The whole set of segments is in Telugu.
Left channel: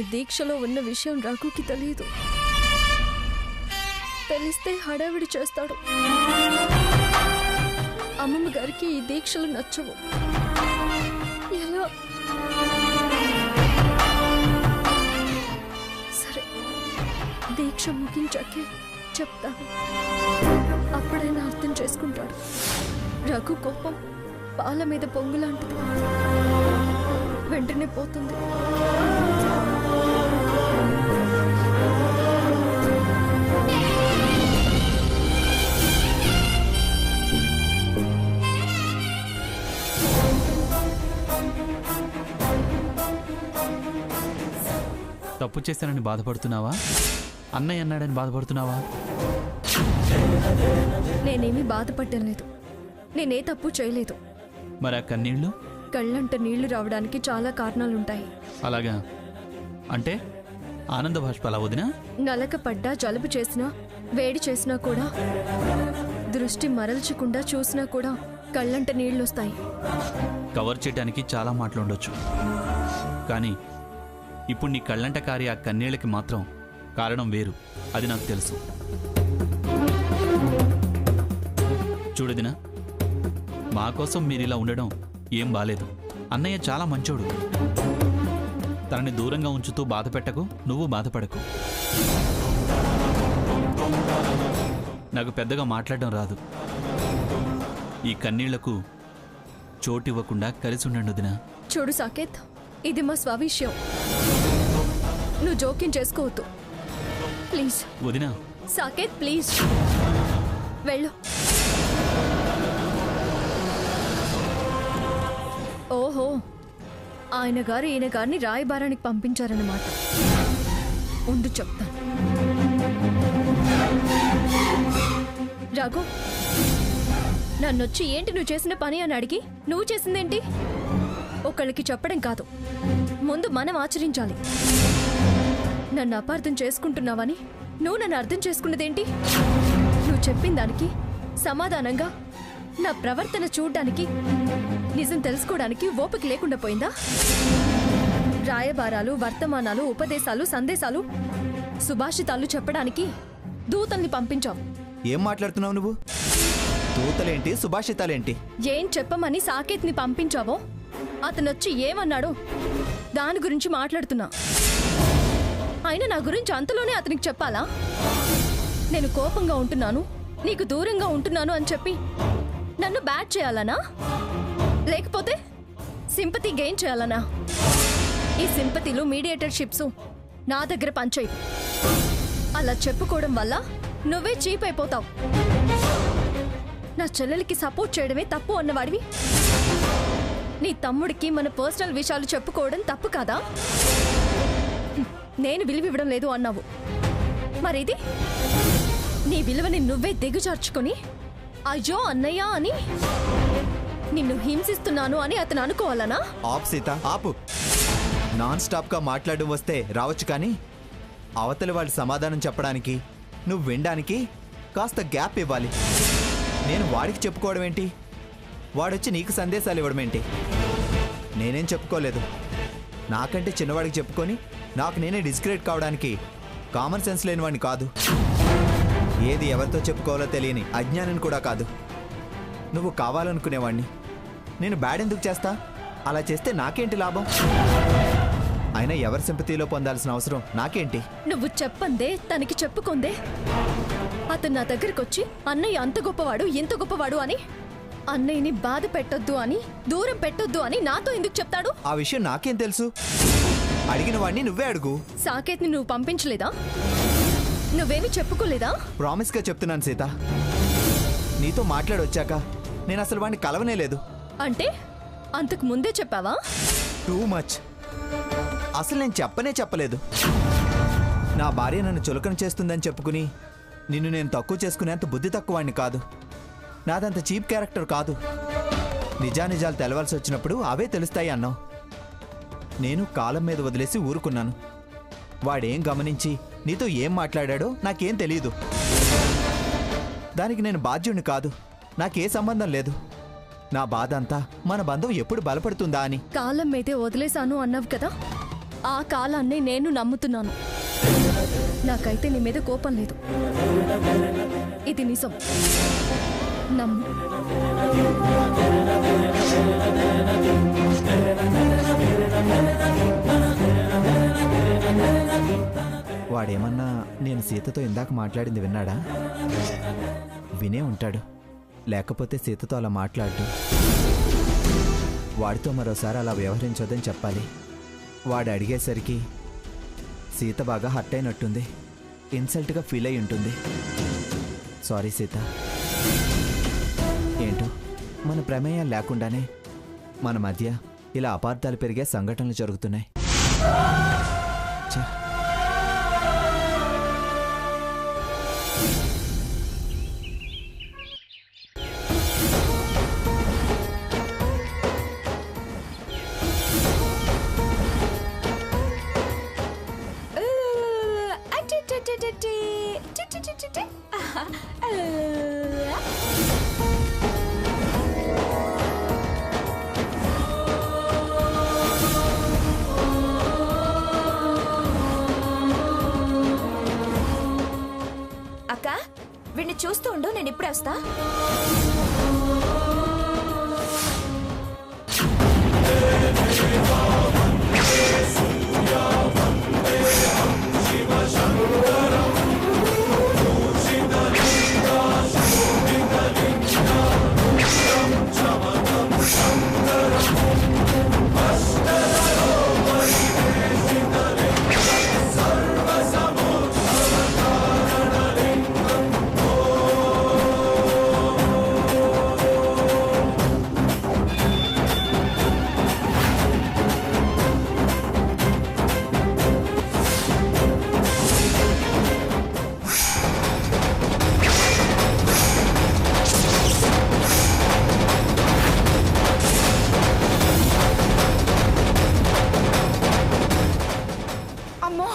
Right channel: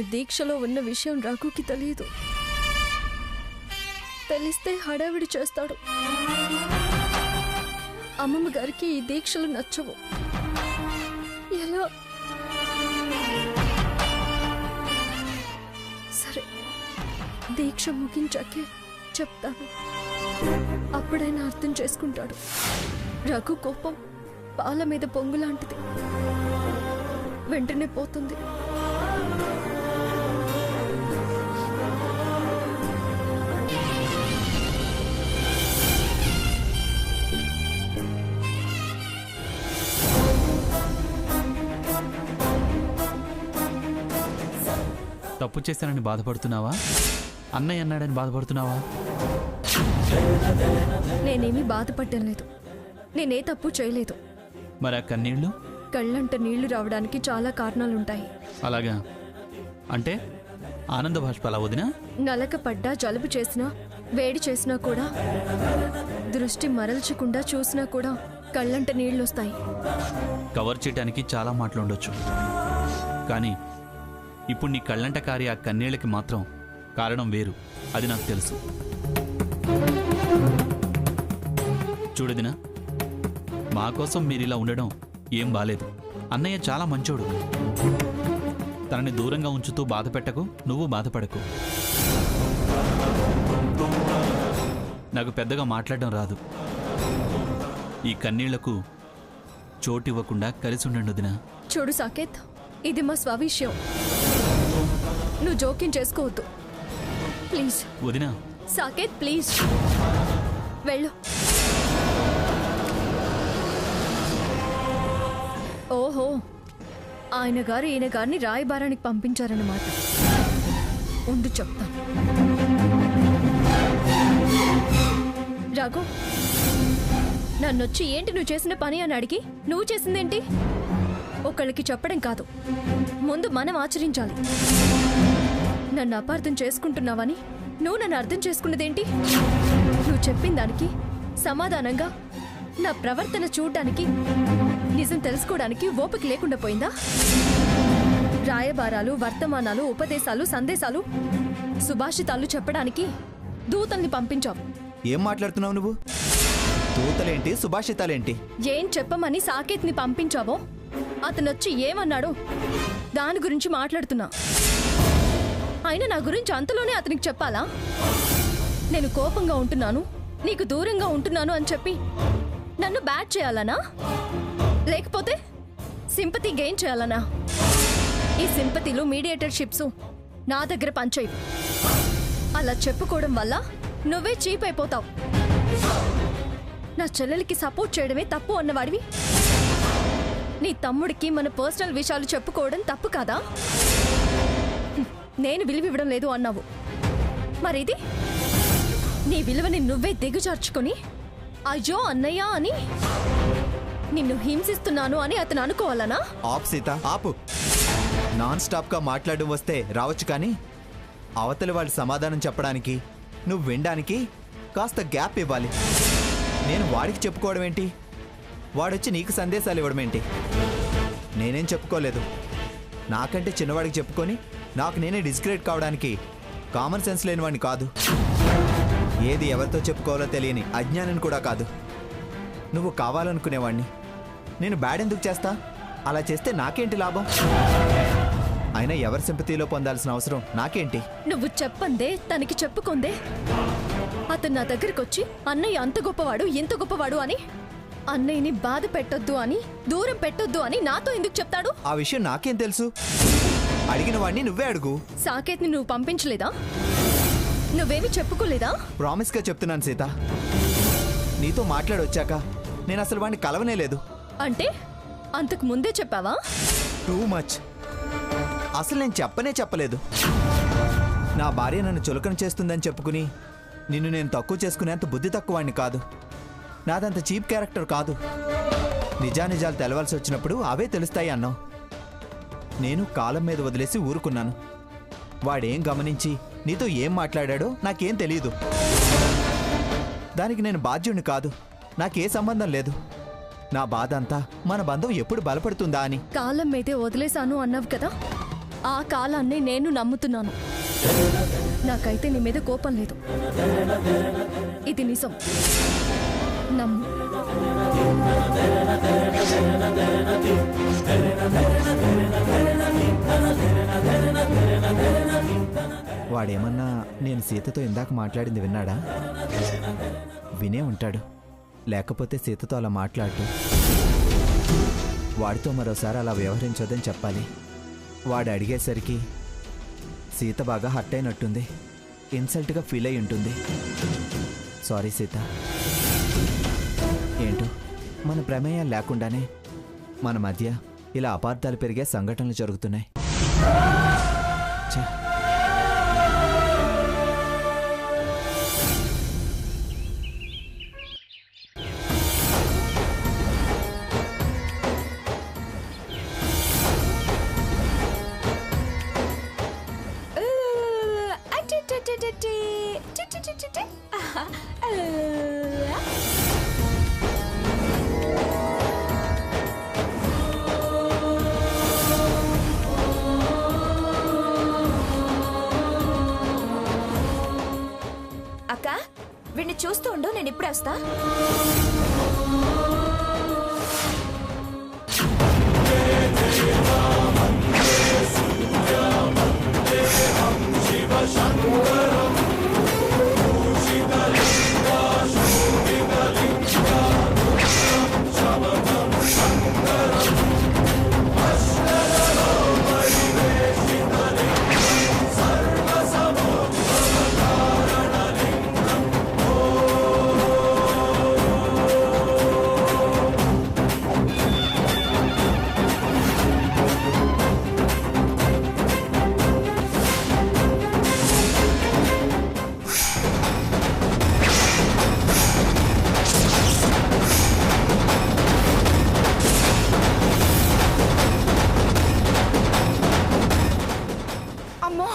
నేను దీక్షలో ఉన్న విషయం రఘుకి తెలియదు. తెలిస్తే హడావిడి చేస్తాడు. అమ్మమ్మ గారికి ఈ దీక్షలు నచ్చవు. ఎలా? సరే, దీక్ష ముగించాకే చెప్తాను. అప్పుడైనా అర్థం చేసుకుంటాడు. రఘు కోపం పాల మీద పొంగులాంటిది, వెంటనే పోతుంది. తప్పు చేశానని బాధపడుతున్నావా? అన్నయ్య అన్నాడని బాధపడుతున్నావా? నేనేమీ బాధపడ్డం లేదు. నేనే తప్పు చేయలేదు. మరి ఆ కన్నీళ్లు? కళ్ళంట నీళ్లు రావడానికి చాలా కారణాలుంటాయి. అలాగా? అంటే ఆనంద బాష్పాలా వదినా? నలక పడ్డా, జలుబు చేసినా, వేడి చేసినా కూడా, దృష్టి మరల్చకుండా చూసినా కూడా కళ్ళంట నీళ్లొస్తాయి. కవర్ చేయడానికి చాలా మాటలుండొచ్చు, కానీ ఇప్పుడు నీ కళ్ళంట కారి ఆ కన్నీళ్ళకి మాత్రం కారణం వేరు. అది నాకు తెలుసు. చూడదినా, మా కోసం మీరిలా ఉండడం ఏం బాలేదు. అన్నయ్య చాలా మంచోడు. తనని దూరంగా ఉంచుతూ బాధ పెట్టకు, నువ్వు బాధపడకు. నాకు పెద్దగా మాట్లాడడం రాదు. ఈ కన్నీళ్లకు చోటివ్వకుండా కలిసి ఉండండి వదినా. చూడు సాకేత్, ఇది మా స్వవిషయం. నువ్వు జోక్యం చేసుకోవద్దు ప్లీజ్. వదినా. సాకేత్ ప్లీజ్ వెళ్ళు. ఓహో, ఆయన గారు ఈయన గారిని రాయబారానికి పంపించారన్నమాట. ఉండు చెప్తాను. రాఘు, నన్నొచ్చి ఏంటి నువ్వు చేసిన పని అని అడిగి నువ్వు చేసిందేంటి? ఒకళ్ళకి చెప్పడం కాదు, ముందు మనం ఆచరించాలి. నన్ను అపార్థం చేసుకుంటున్నావని నువ్వు నన్ను అర్థం చేసుకున్నదేంటి? నువ్వు చెప్పిన దానికి సమాధానంగా నా ప్రవర్తన చూడ్డానికి, నిజం తెలుసుకోవడానికి ఓపిక లేకుండా పోయిందా? రాయబారాలు, వర్తమానాలు, ఉపదేశాలు, సందేశాలు, సుభాషితాలు చెప్పడానికి దూతల్ని పంపించావు. ఏం మాట్లాడుతున్నావు నువ్వు? దూతలేంటి, సుభాషితాలేంటి? ఏం చెప్పమని సాకేత్ని పంపించావో అతనొచ్చి ఏమన్నాడో దాని గురించి మాట్లాడుతున్నా. అయినా నా గురించి అంతలోనే అతనికి చెప్పాలా? నేను కోపంగా ఉంటున్నాను, నీకు దూరంగా ఉంటున్నాను అని చెప్పి నన్ను బ్యాట్ చేయాలనా? లేకపోతే సింపతి గెయిన్ చేయాలనా? ఈ సింపతిలు, మీడియేటర్షిప్స్ నా దగ్గర పనిచేయవు. అలా చెప్పుకోవడం వల్ల నువ్వే చీప్ అయిపోతావు. నా చెల్లెలికి సపోర్ట్ చేయడమే తప్పు అన్నవాడివి. నీ తమ్ముడికి మన పర్సనల్ విషయాలు చెప్పుకోవడం తప్పు కాదా? నేను విలువివ్వడం లేదు అన్నావు. మరిది నీ విలువని నువ్వే దిగుజార్చుకొని అయ్యో అన్నయ్య అని నిన్ను హింసిస్తున్నాను అని అతను అనుకోవాలనా? ఆపు సీత, ఆపు. నాన్ స్టాప్ గా మాట్లాడడం వస్తే రావచ్చు, కానీ అవతలి వాళ్ళు సమాధానం చెప్పడానికి, నువ్వు వినడానికి కాస్త గ్యాప్ ఇవ్వాలి. నేను వాడికి చెప్పుకోవడం ఏంటి? వాడొచ్చి నీకు సందేశాలు ఇవ్వడం ఏంటి? నేనేం చెప్పుకోలేదు. నాకంటే చిన్నవాడికి చెప్పుకొని నాకు నేనే డిస్క్రెడిట్ కావడానికి కామన్ సెన్స్ లేనివాడిని కాదు. ఏది ఎవరితో చెప్పుకోవాలో తెలియని అజ్ఞానం కూడా కాదు. నువ్వు కావాలనుకునేవాడిని. నేను బ్యాడ్ ఎందుకు చేస్తా? అలా చేస్తే నాకేంటి లాభం? అయినా ఎవరి సింపతిలో పొందాల్సిన అవసరం నాకేంటి? నువ్వు చెప్పందే తనకి చెప్పుకుందే అతను నా దగ్గరికి వచ్చి అన్నయ్య అంత గొప్పవాడు, ఎంత గొప్పవాడు అని, అన్నయ్యని బాధ పెట్టొద్దు అని, దూరం పెట్టొద్దు అని నాతో ఎందుకు చెప్తాడు? ఆ విషయం నాకేం తెలుసు? అడిగిన వాడిని నువ్వే అడుగు. సాకేత్ని నువ్వు పంపించలేదా? నువ్వేమి చెప్పుకోలేదా? ప్రామిస్ గా చెప్తున్నాను సీత, నీతో మాట్లాడొచ్చాక నేను అసలు వాడిని కలవనే లేదు. అంటే అంతకు ముందే చెప్పావా? Too much. అసలు నేను చెప్పలేదు. నా భార్య నన్ను చులకన చేస్తుందని చెప్పుకుని నిన్ను నేను తక్కువ చేసుకునేంత బుద్ధి తక్కువాడిని కాదు. నాదంత చీప్ క్యారెక్టర్ కాదు. నిజానిజాలు తెలవాల్సి వచ్చినప్పుడు అవే తెలుస్తాయి అన్నావు. నేను కాలం మీద వదిలేసి ఊరుకున్నాను. వాడేం గమనించి నీతో ఏం మాట్లాడాడో నాకేం తెలీదు. దానికి నేను బాధ్యుణ్ణి కాదు. నాకే సంబంధం లేదు. నా బాధ అంతా మన బంధం ఎప్పుడు బలపడుతుందా అని. కాలం మీదే వదిలేశాను అన్నావు కదా, ఆ కాలాన్ని నేను నమ్ముతున్నాను. నాకైతే నీ మీద కోపం లేదు. ఇది నిజం, నమ్ము. వాడేమన్నా నేను సీతతో ఇందాక మాట్లాడింది విన్నాడా? వినే ఉంటాడు, లేకపోతే సీతతో అలా మాట్లాడు. వాడితో మరోసారి అలా వ్యవహరించొద్దని చెప్పాలి. వాడు అడిగేసరికి సీత బాగా హర్ట్ అయినట్టుంది, ఇన్సల్ట్గా ఫీల్ అయి ఉంటుంది. సారీ సీత. ఏంటో మన ప్రమేయం లేకుండానే మన మధ్య ఇలా అపార్థాలు పెరిగే సంఘటనలు జరుగుతున్నాయి. ఛే. అక్క, వీడిని చూస్తూ ఉండు, నేను ఇప్పుడే వస్తా. అమ్మో,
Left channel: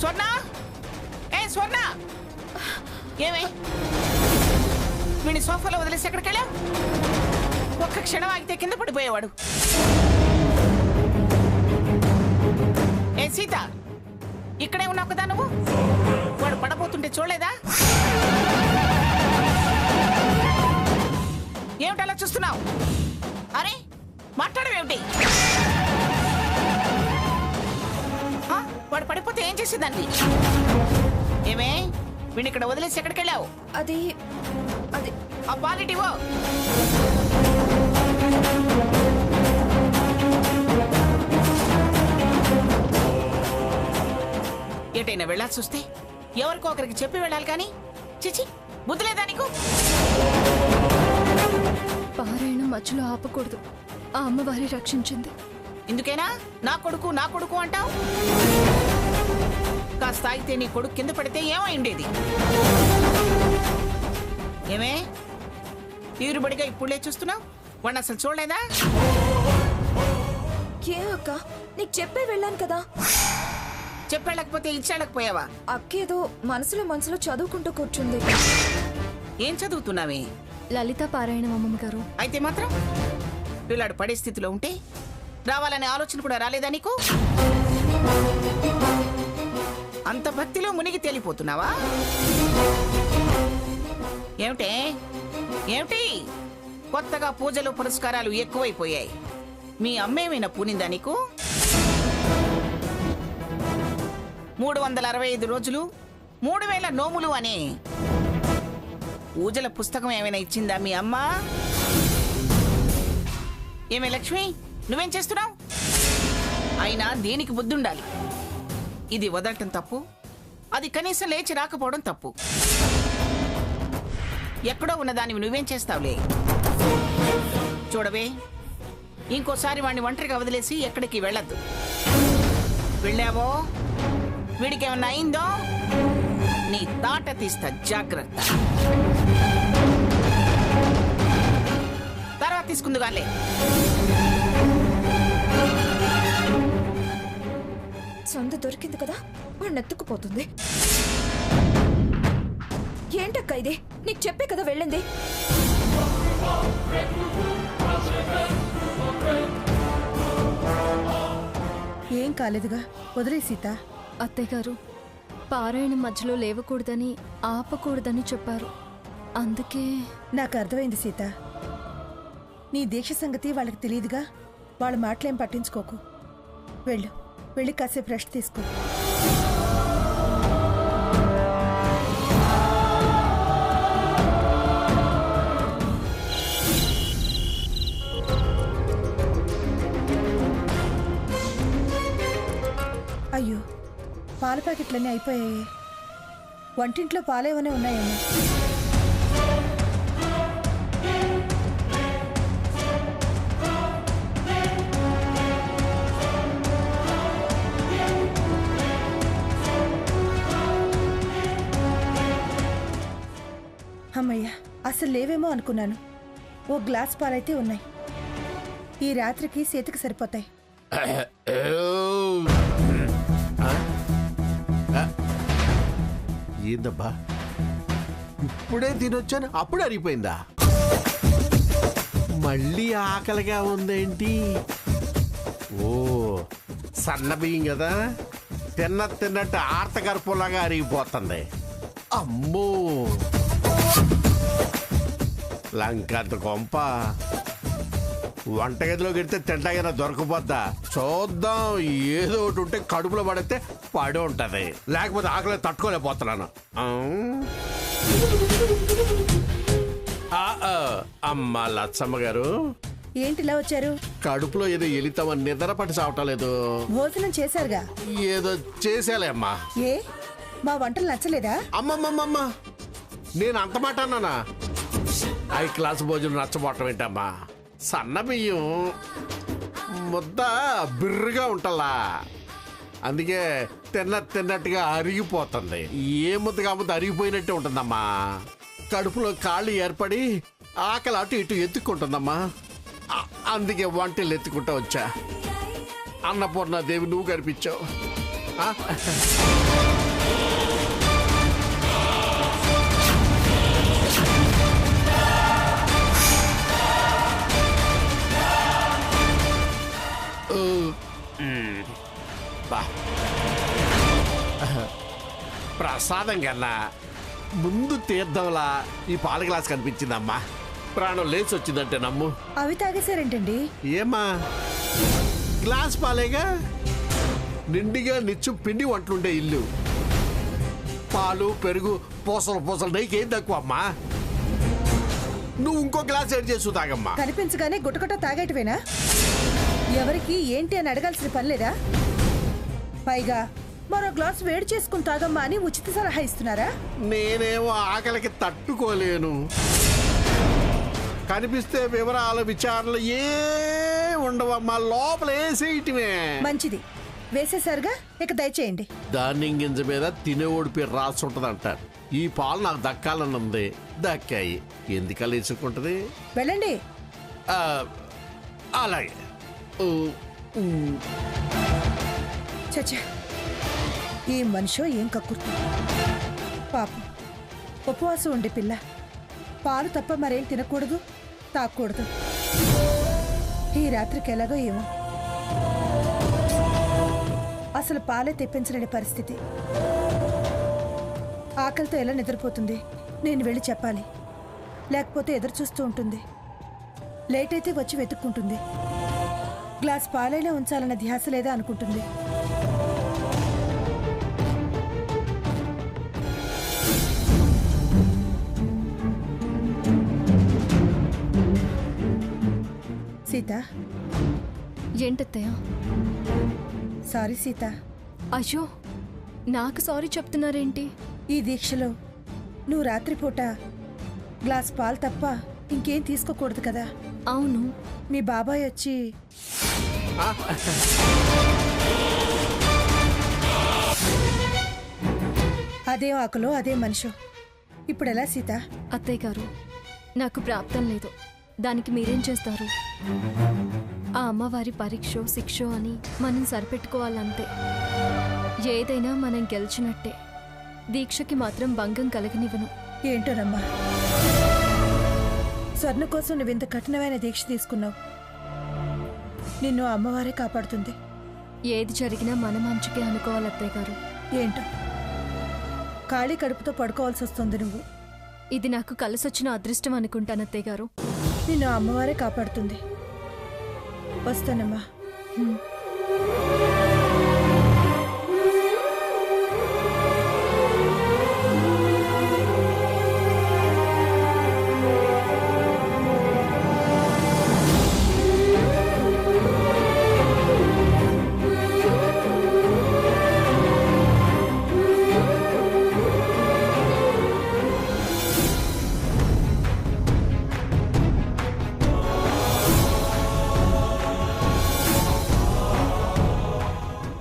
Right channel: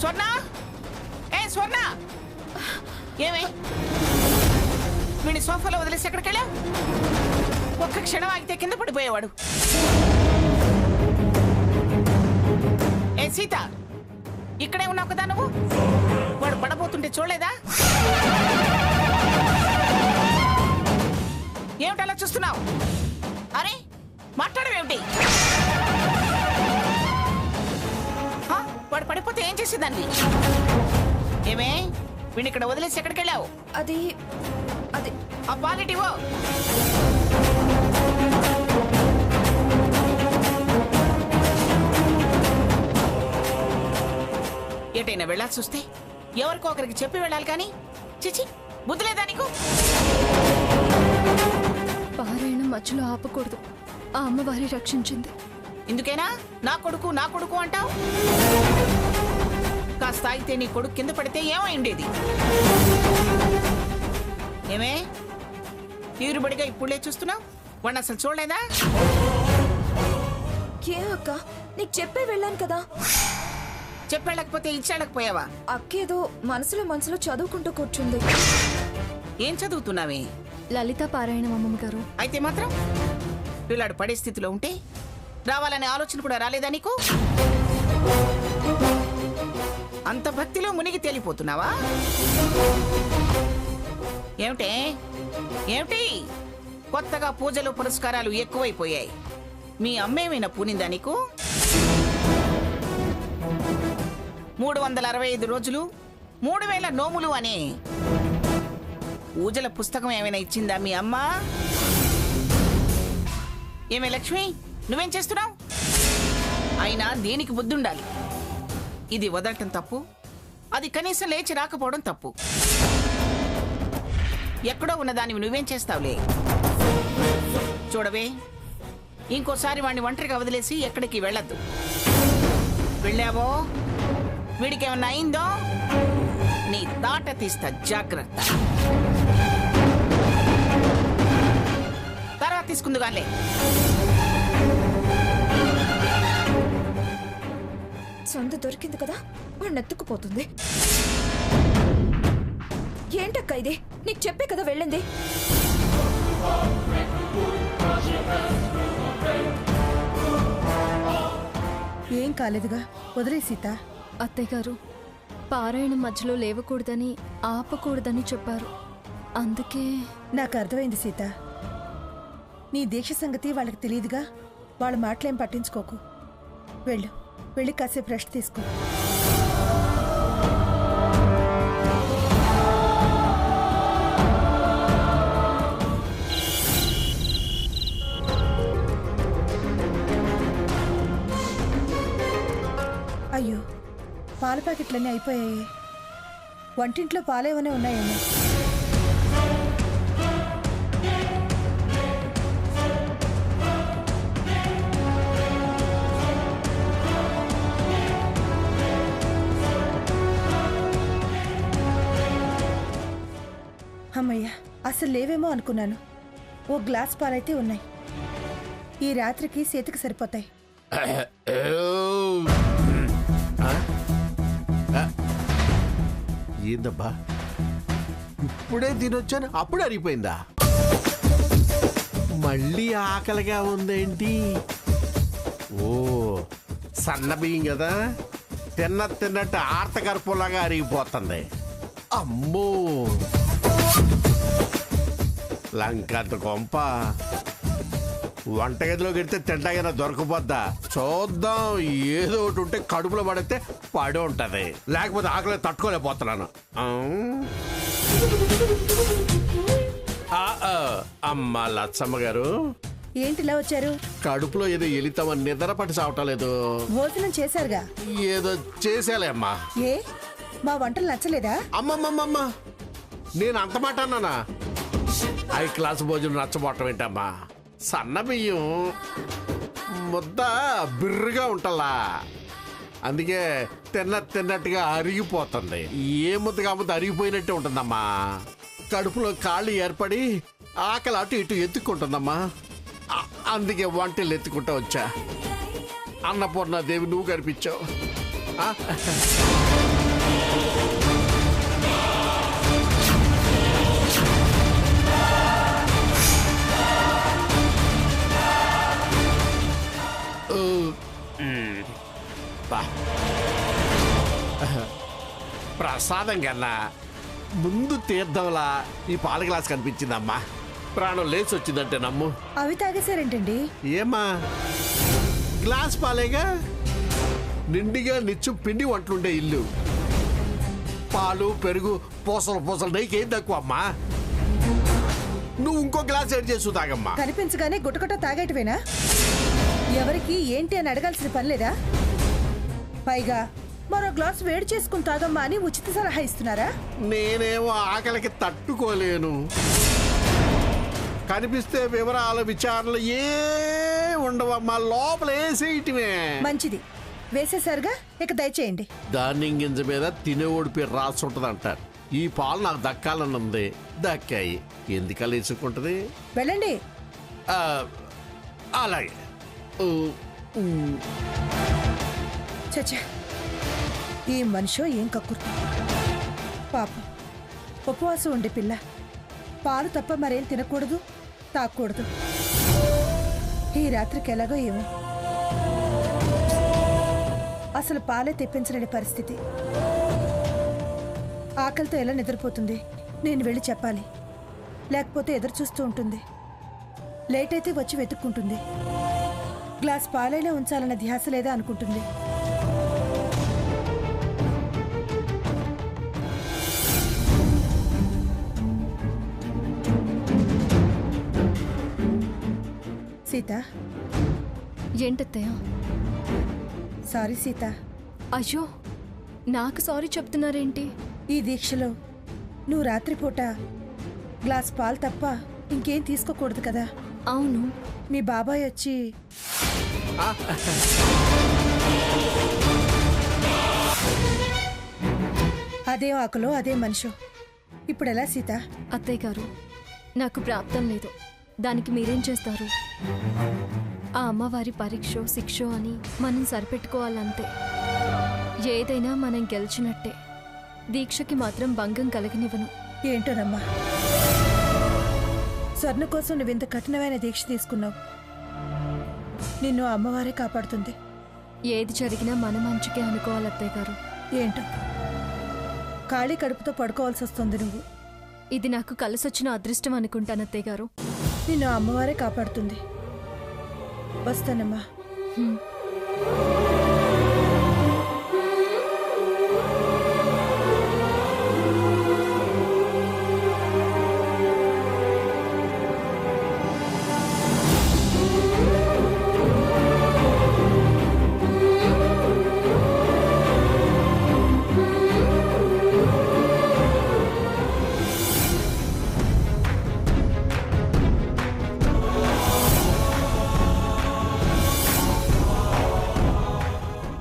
స్వర్ణ! ఏ స్వర్ణ, ఏమే వీడిని సోఫాలో వదిలేసి ఎక్కడికి వెళ్ళావు? ఒక్క క్షణం ఆగితే కింద పడిపోయేవాడు. ఏ సీత, ఇక్కడే ఉన్నావు కదా నువ్వు? వాడు పడబోతుంటే చూడలేదా? ఏమిటలా చూస్తున్నావు? అరే మాట్లాడవేమిటి? వాడు పడిపోతే ఏం చేసేదాన్ని? ఏమే వీడిని ఇక్కడ వదిలేసి ఎక్కడికి వెళ్ళావు? అది అది ఆ పాలిటివో. ఏటైనా వెళ్ళాల్సి వస్తే ఎవరికో ఒకరికి చెప్పి వెళ్ళాలి కానీ చిచి బుద్ధి లేదా నీకు? పారాయణం మధ్యలో ఆపకూడదు. ఆ అమ్మవారి రక్షించింది. ఇందుకేనా నా కొడుకు అంటావు? కాస్త ఆగితే నీ కొడుకు కింద పడితే ఏమై ఉండేది? ఏమే తీరుబడిగా ఇప్పుడే చూస్తున్నావు? వాడిని అసలు చూడలేదా? ఏం అక్క, నీకు చెప్పే వెళ్ళాను కదా. చెప్పేళ్ళకపోతే ఇచ్చేళ్ళకపోయావా? అక్కేదో మనసులో చదువుకుంటూ కూర్చుంది. ఏం చదువుతున్నావే? లలిత పారాయణం అమ్మమ్మ గారు. అయితే మాత్రం పిల్లాడు పడే స్థితిలో ఉంటే రావాలనే ఆలోచన కూడా రాలేదా నీకు? అంత భక్తిలో మునిగి తేలిపోతున్నావా? ఏమిటి కొత్తగా పూజలు పురస్కారాలు ఎక్కువైపోయాయి. మీ అమ్మేమైనా పూనిందా నీకు? 365 రోజులు 3000 నోములు అనే పూజల పుస్తకం ఏమైనా ఇచ్చిందా మీ అమ్మ? ఏమే లక్ష్మి, నువ్వేం చేస్తున్నావు? అయినా దీనికి బుద్ధి ఉండాలి. ఇది వదలటం తప్పు, అది కనీసం లేచి రాకపోవడం తప్పు. ఎక్కడో ఉన్నదానివి నువ్వేం చేస్తావులే. చూడవే, ఇంకోసారి వాడిని ఒంటరిగా వదిలేసి ఎక్కడికి వెళ్ళొద్దు. వెళ్ళావో వీడికేమన్నా అయిందో నీ తాట తీస్తా, జాగ్రత్త. తర్వాత తీసుకుందుగాలే. సొంత దొరికింది కదా, వాడిని ఎత్తుకుపోతుంది. ఏంటక్క ఇది? నీకు చెప్పే కదా వెళ్ళింది. ఏం కాలేదుగా, వదిలే సీత. అత్తయ్య గారు పారాయణం మధ్యలో లేవకూడదని ఆపకూడదని చెప్పారు. అందుకే నాకు అర్థమైంది సీత. నీ దీక్ష సంగతి వాళ్ళకి తెలియదుగా, వాళ్ళ మాటలేం పట్టించుకోకు. వెళ్ళి కాసేపు రెస్ట్ తీసుకో. అయ్యో, పాల ప్యాకెట్లన్నీ అయిపోయాయి. వంటింట్లో పాలేమనే ఉన్నాయేమో. అమ్మయ్యా, అసలు లేవేమో అనుకున్నాను. ఓ గ్లాస్ పాలైతే ఉన్నాయి. ఈ రాత్రికి సీతకి సరిపోతాయి. ఏందబ్బా, ఇప్పుడే తినొచ్చాను అప్పుడు అరిగిపోయిందా? మళ్ళీ ఆకలిగా ఉందేంటి? ఓ సన్న బియ్యం కదా, తిన్నట్టు ఆర్తగర్పంలాగా అరిగిపోతుంది. అమ్మో, లంకంత కొంప. వంటగదిలో గెడితే తింటాగైనా దొరకపోద్దా? చూద్దాం, ఏదో ఒకటి ఉంటే కడుపులో పడితే పడి ఉంటది, లేకపోతే ఆకలి తట్టుకోలేకపోతున్నాను. అమ్మ లచ్చమ్మ గారు, ఏంటిలా వచ్చారు? కడుపులో ఏదో ఎలితామని నిద్ర పట్టి చావటం లేదు. భోజనం చేశారుగా? ఏదో చేసేలే అమ్మా. ఏ, మా వంటలు నచ్చలేదా? అమ్మమ్మమ్మమ్మ, నేను అంత మాట అన్నానా? హై క్లాస్ భోజనం నచ్చబోవటం ఏంటమ్మా? సన్న బియ్యం ముద్ద బిర్రుగా ఉంటలా, అందుకే తిన్నట్టుగా అరిగిపోతుంది. ఏ ముద్దగా ముద్ద అరిగిపోయినట్టే ఉంటుందమ్మా. కడుపులో కాళ్ళు ఏర్పడి ఆకలి అటు ఇటు ఎత్తుక్కుంటుందమ్మా. అందుకే వంటలు ఎత్తుకుంటా వచ్చా. అన్నపూర్ణాదేవి నువ్వు కనిపించావు. ప్రసాదం కన్నా ముందు తీర్థంలా ఈ పాల గ్లాస్ కనిపించిందమ్మా. ప్రాణం లేచి వచ్చిందంటే నమ్ము. అవి తాగేశారేంటండి? ఏమా, గ్లాస్ పాలేగా, నిండిగా నిచ్చు పిండి వంటలుండే ఇల్లు. పాలు పెరుగు పూసలు నెయ్యికేం తక్కువ అమ్మా. నువ్వు ఇంకో గ్లాస్ యాడ్ చేసు తాగమ్మా. కనిపించగానే గుటగుట తాగేటవేనా? ఎవరికి ఏంటి అని అడగాల్సిన పని లేదా? పైగా మరో గ్లాస్ వేడి చేసుకుని తాగమ్మా అని ఉచిత సలహా ఇస్తున్నారా? నేనేమో ఆకలికి తట్టుకోలేను. కనిపిస్తే వివరాల విచారణలు ఏ ఉండవమ్మా, లోపల వేసేయటమే. మంచిది, వేసేసారుగా, ఇక దయచేయండి. ధాన్యం గింజ మీద తినేవాడి పేరు రాసి ఉంటది అంటారు. ఈ పాలు నాకు దక్కాలని ఉంది, దక్కాయి. ఎందుకలా ఇసుకుంటది? వెళ్ళండి. అలాగే. చచ్చా, ఈ మనిషో ఏం కక్కుర్తి. పాపం, ఉపవాసం ఉండే పిల్ల. పాలు తప్ప మరేం తినకూడదు, తాగకూడదు. ఈ రాత్రికి ఎలాగో ఏమో. అసలు పాలే తెప్పించలేని పరిస్థితి. ఆకలితో ఎలా నిద్రపోతుంది? నేను వెళ్ళి చెప్పాలి, లేకపోతే ఎదురు చూస్తూ ఉంటుంది. లేట్ అయితే వచ్చి వెతుక్కుంటుంది. గ్లాస్ పాలైనా ఉంచాలన్న ధ్యాస లేదా అనుకుంటుంది. సీత. ఏంటత్తయ్య? సారీ సీత. అయ్యో, నాకు సారీ చెప్తున్నారేంటి? ఈ దీక్షలో నువ్వు రాత్రిపూట గ్లాస్ పాలు తప్ప ఇంకేం తీసుకోకూడదు కదా? అవును. మీ బాబాయ్ వచ్చి అదే ఆకులో అదే మనిషో. ఇప్పుడెలా సీత? అత్తయ్య గారు, నాకు ప్రాప్తం లేదు, దానికి మీరేం చేస్తారు? ఆ అమ్మవారి పరీక్షో శిక్షో అని మనం సరిపెట్టుకోవాలంతే. ఏదైనా మనం గెలిచినట్టే. దీక్షకి మాత్రం భంగం కలగనివ్వను. ఏంటోనమ్మా, స్వర్ణ కోసం నువ్వింత కఠినమైన దీక్ష తీసుకున్నావు. నిన్ను అమ్మవారే కాపాడుతుంది. ఏది జరిగినా మన మంచికే అనుకోవాలి అత్తయ్య గారు. ఏంటో ఖాళీ కడుపుతో పడుకోవాల్సి వస్తుంది నువ్వు. ఇది నాకు కలిసొచ్చిన అదృష్టం అనుకుంటాను అత్తయ్య గారు. నిన్ను అమ్మవారే కాపాడుతుంది. వస్తానమ్మా.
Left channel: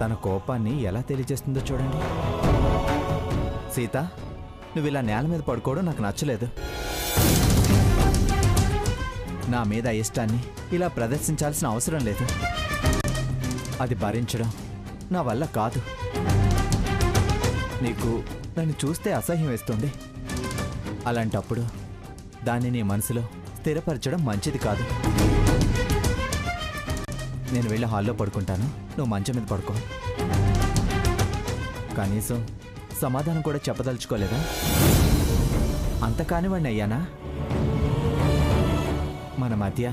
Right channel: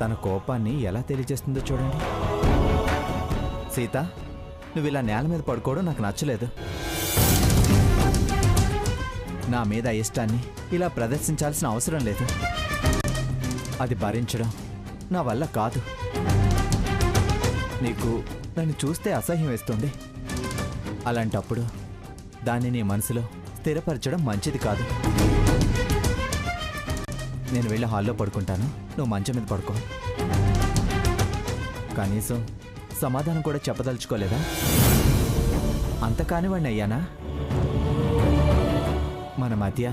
తన కోపాన్ని ఎలా తెలియజేస్తుందో చూడండి. సీత, నువ్వు ఇలా నేల మీద పడుకోవడం నాకు నచ్చలేదు. నా మీద ఇష్టాన్ని ఇలా ప్రదర్శించాల్సిన అవసరం లేదు. అది భరించడం నా వల్ల కాదు. నీకు నన్ను చూస్తే అసహ్యం వేస్తుంది. అలాంటప్పుడు దాన్ని నీ మనసులో స్థిరపరచడం మంచిది కాదు. నేను వెళ్ళి హాల్లో పడుకుంటాను, నువ్వు మంచం మీద పడుకో. కనీసం సమాధానం కూడా చెప్పదలుచుకోలేదా? అంత కానివాడిని అయ్యానా? మన మధ్య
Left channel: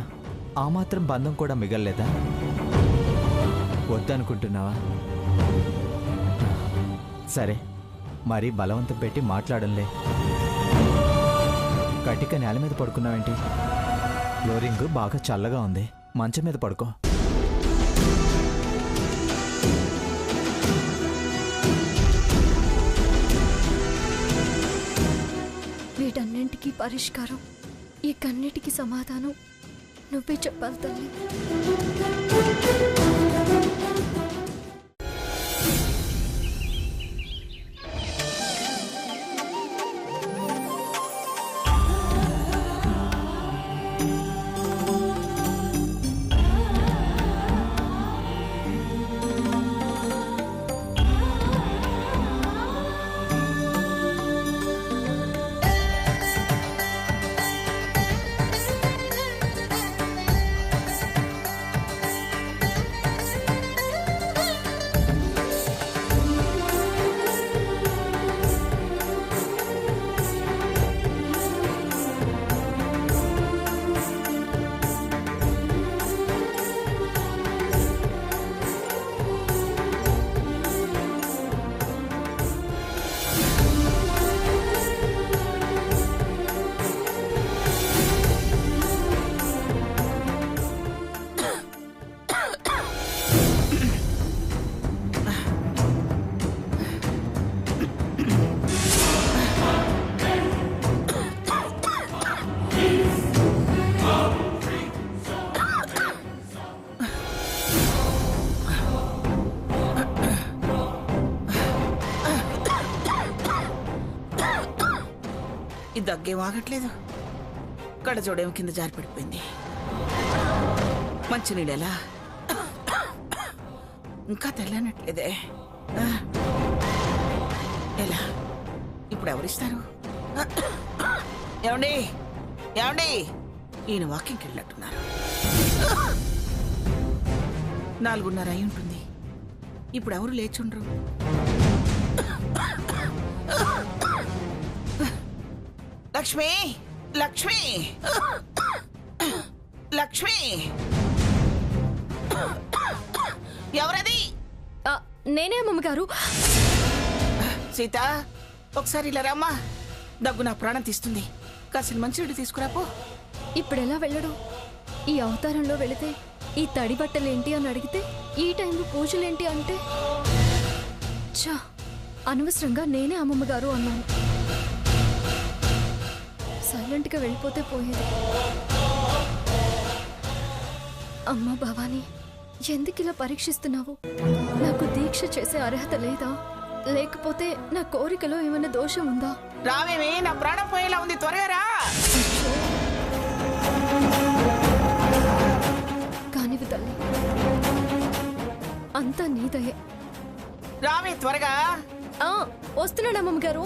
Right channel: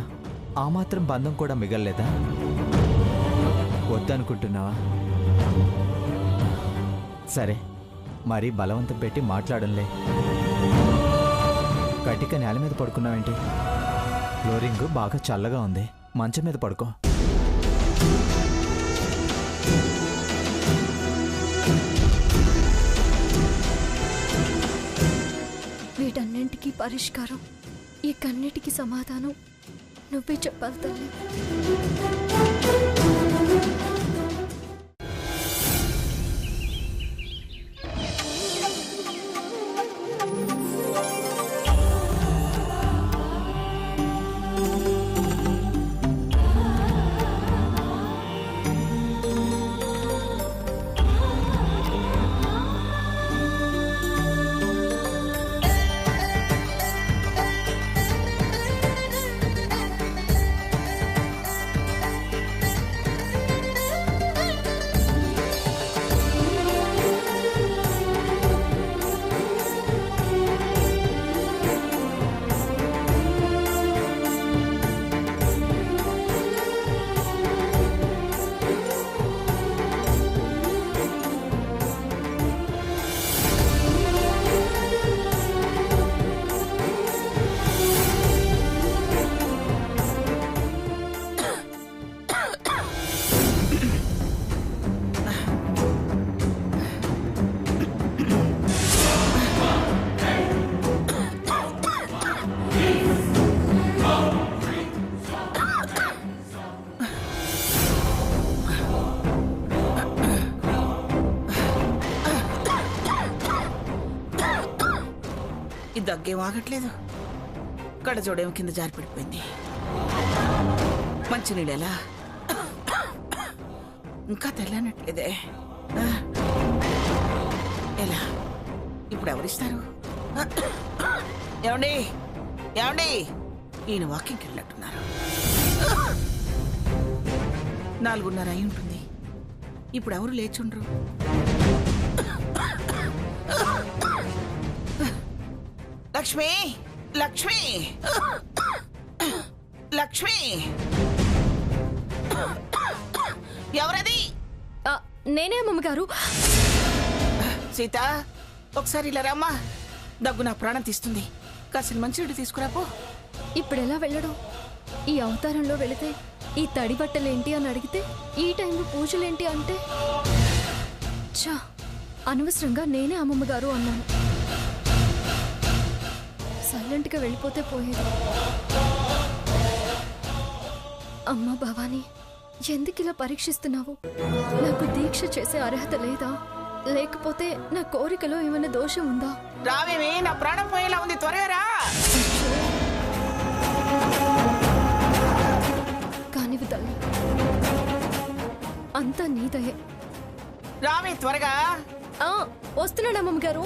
ఆ మాత్రం బంధం కూడా మిగల్లేదా? వద్దనుకుంటున్నావా? సరే, మరీ బలవంతం పెట్టి మాట్లాడంలే. కటిక నేల మీద పడుకున్నావేంటి? ఫ్లోరింగ్ బాగా చల్లగా ఉంది, మంచం మీద పడుకో. వీటన్నింటికీ పరిష్కారం, ఈ కన్నిటికీ సమాధానం నువ్వే చెప్పాలి తల్లి. ఈ దగ్గేం ఆగట్లేదు. కడజోడేమో కింద జారి పడిపోయింది. మంచినీళ్ళెలా ఇంకా తెల్లనట్లేదే. ఎలా ఇప్పుడు ఎవరిస్తారు? ఏమండి ఏమండి, ఈయన వాకింగ్కి వెళ్ళినట్టున్నారు. 4:30 అయి ఉంటుంది. ఇప్పుడు ఎవరు లేచుండ్రు? లక్ష్మి, లక్ష్మి, లక్ష్మి, ఎవరది? నేనే అమ్మగారు. సీత, ఒకసారి ఇలా రమ్మా. దగ్గు నా ప్రాణం తీస్తుంది. కాసిన మంచినీళ్ళు తీసుకురాపో. ఇప్పుడెలా వెళ్ళడం? ఈ అవతారంలో వెళితే ఈ తడి బట్టలేంటి అని అడిగితే ఈ టైంలో పూజలేంటి అంటే చా, అనవసరంగా నేనే అమ్మమ్మగారు అన్నాను. సైలెంట్గా వెళ్ళిపోతే పోయేది. అమ్మ భవానీ, ఎందుకు ఇలా పరీక్షిస్తున్నావు? నాకు దీక్ష చేసే అర్హత లేదా? లేకపోతే నా కోరికలో ఏమైనా దోషం ఉందా? రావేమి, నా ప్రాణం పోయేలా ఉంది, త్వరగా రా. కానివి తల్లి, అంతా నీదయే. రావే త్వరగా. వస్తున్నాడు అమ్మమ్మ గారు.